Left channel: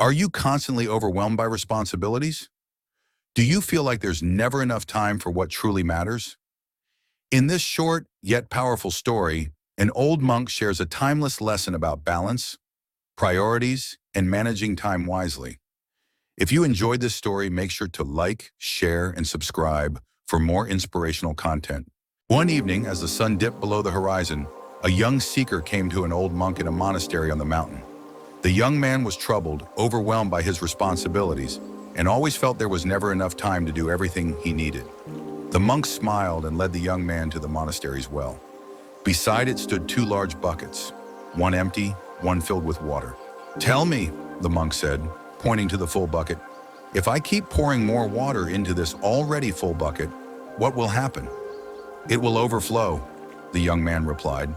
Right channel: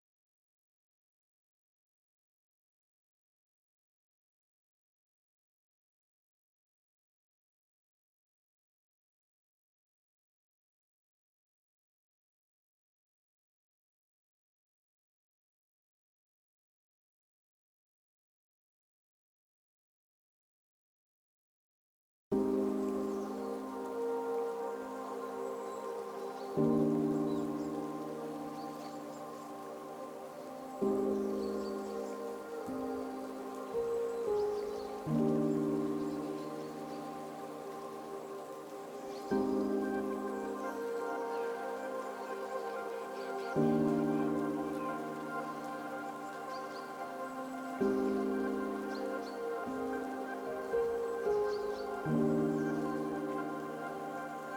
Are you constantly overwhelmed by responsibilities? Do you feel like there's never enough time for what truly matters? In this short yet powerful story, an old monk shares a timeless lesson about balance, priorities, and managing time wisely. If you enjoyed this story, make sure to like, share, and subscribe for more inspirational content. One evening, as the sun dipped below the horizon, a young seeker came to an old monk in a monastery on the mountain. The young man was troubled, overwhelmed by his responsibilities, and always felt there was never enough time to do everything he needed. The monk smiled and led the young man to the monastery's well. Beside it stood two large buckets, one empty, one filled with water. "Tell me," the monk said, pointing to the full bucket, "if I keep pouring more water into this already full bucket, what will happen?" "It will overflow," the young man replied.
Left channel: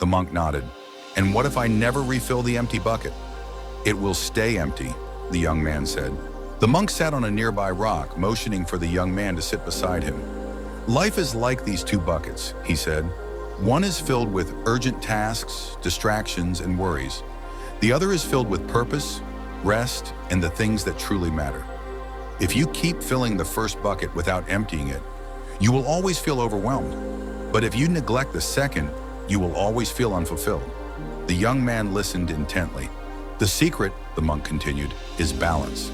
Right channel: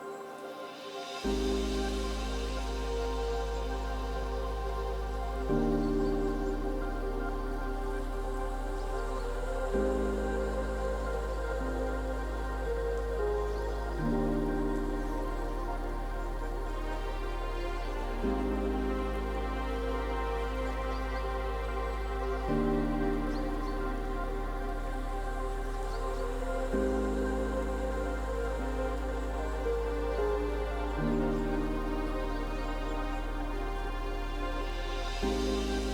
The monk nodded. "And what if I never refill the empty bucket?" "It will stay empty," the young man said. The monk sat on a nearby rock, motioning for the young man to sit beside him. "Life is like these two buckets," he said. "One is filled with urgent tasks, distractions, and worries. The other is filled with purpose, rest, and the things that truly matter. If you keep filling the first bucket without emptying it, you will always feel overwhelmed. But if you neglect the second, you will always feel unfulfilled." The young man listened intently. "The secret," the monk continued, "is balance.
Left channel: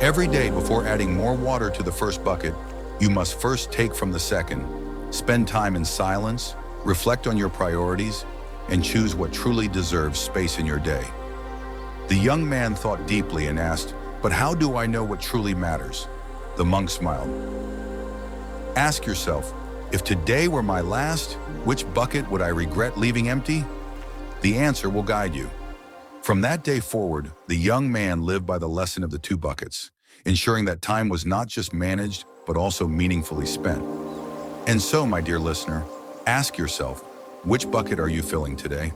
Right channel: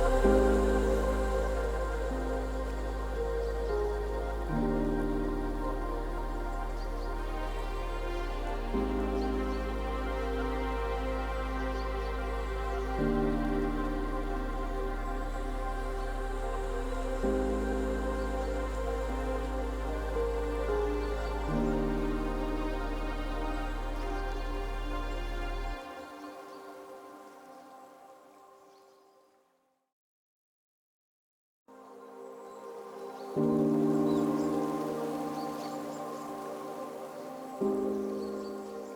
Every day before adding more water to the first bucket, you must first take from the second. Spend time in silence, reflect on your priorities, and choose what truly deserves space in your day." The young man thought deeply and asked, "But how do I know what truly matters?" The monk smiled. "Ask yourself, if today were my last, which bucket would I regret leaving empty?" The answer will guide you. From that day forward, the young man lived by the lesson of the two buckets, ensuring that time was not just managed, but also meaningfully spent. And so, my dear listener, ask yourself, which bucket are you filling today?